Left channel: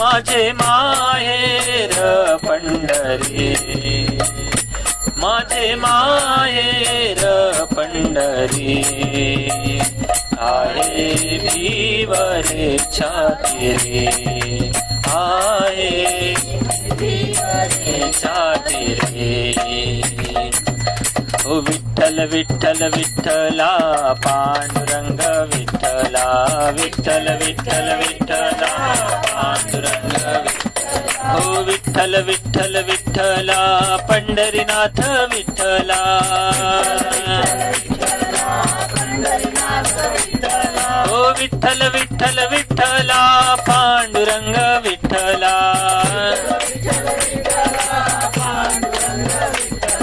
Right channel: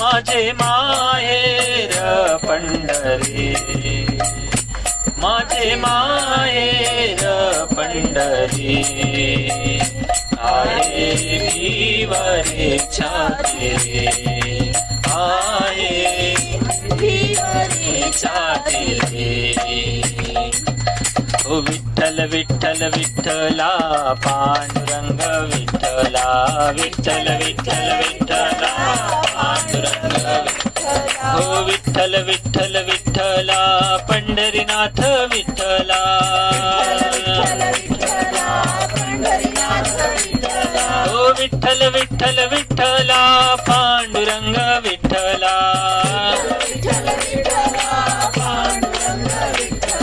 माझे माहेर पंढरी, माझे माहेर पंढरी, आहे भीवरे छाती रे, आहे भीवरे छाती रे. ओ विठ्ठल विठ्ठल विठ्ठला पांडुरंग विठ्ठला, विठ्ठल विठ्ठल विठ्ठला पांडुरंग विठ्ठला. ओ विठ्ठल विठ्ठल विठ्ठला पंढरीनाथ विठ्ठला, ओ विठ्ठल विठ्ठल विठ्ठला पांडुरंग विठ्ठला,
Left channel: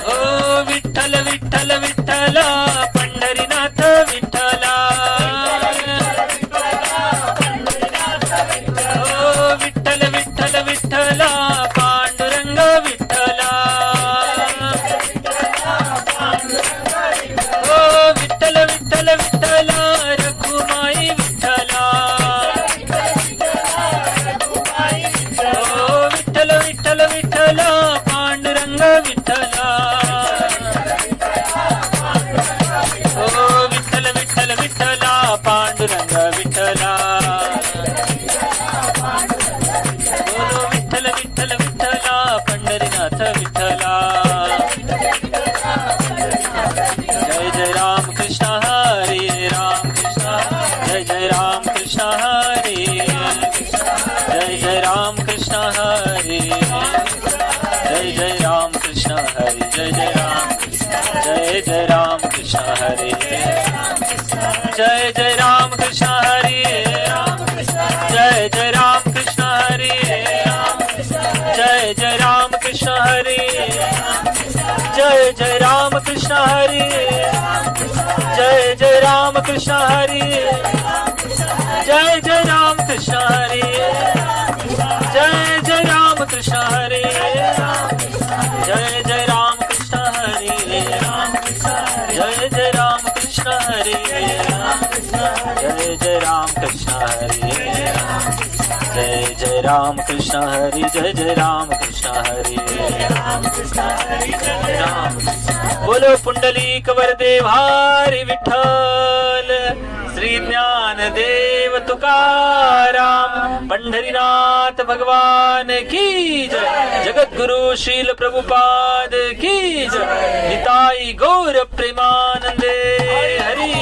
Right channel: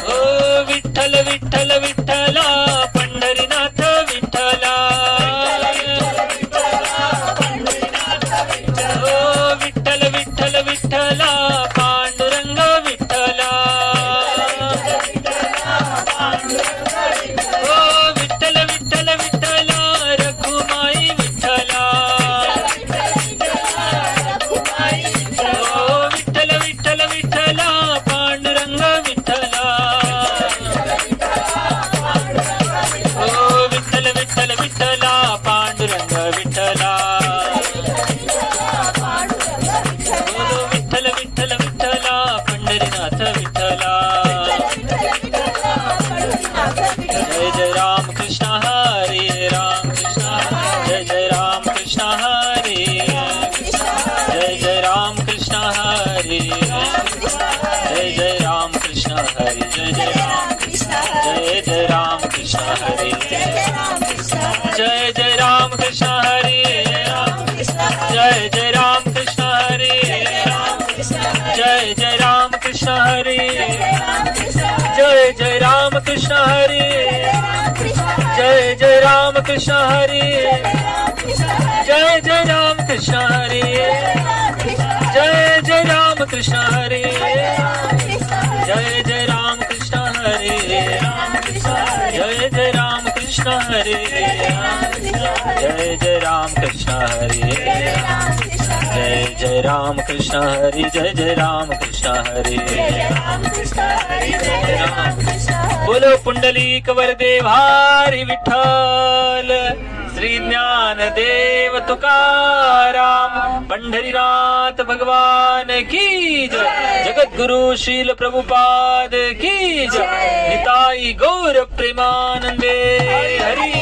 ओ विठ्ठल विठ्ठल विठ्ठला पंढरीनाथ विठ्ठला, ओ विठ्ठल विठ्ठल विठ्ठला पांडुरंग विठ्ठला, ओ विठ्ठल विठ्ठल विठ्ठला रघुमाई विठ्ठला, ओ विठ्ठल विठ्ठल विठ्ठला पांडुरंग विठ्ठला, ओ विठ्ठल विठ्ठल विठ्ठला पांडुरंग विठ्ठला, ओ विठ्ठल विठ्ठल विठ्ठला पंढरीनाथ विठ्ठला. जय जय राम कृष्ण हरे राम कृष्ण, जय जय राम कृष्ण हरे कृष्ण, जय जय राम कृष्ण हरे, जय जय राम कृष्ण हरे, जय जय राम कृष्ण, जय जय राम कृष्ण हरे, जय जय राम कृष्ण हरे, जय जय राम कृष्ण हरे, जय जय राम कृष्ण हरे, जय जय राम कृष्ण हरे, जय जय राम कृष्ण हरे, जय जय राम कृष्ण हरे, जय जय राम कृष्ण हरे, जय जय राम कृष्ण हरे, जय जय राम कृष्ण हरे, जय जय राम कृष्ण हरे, जय जय राम कृष्ण हरे, जय जय राम कृष्ण हरे. बोलो पुंडलिक वरदे भारी विठ्ठल, श्री ज्ञानदेव तुकाराम पंढरीनाथ भगवान की जय. जगद्गुरु श्रील प्रभुपाद की जय. निताई गौर प्रेमानंदे हरी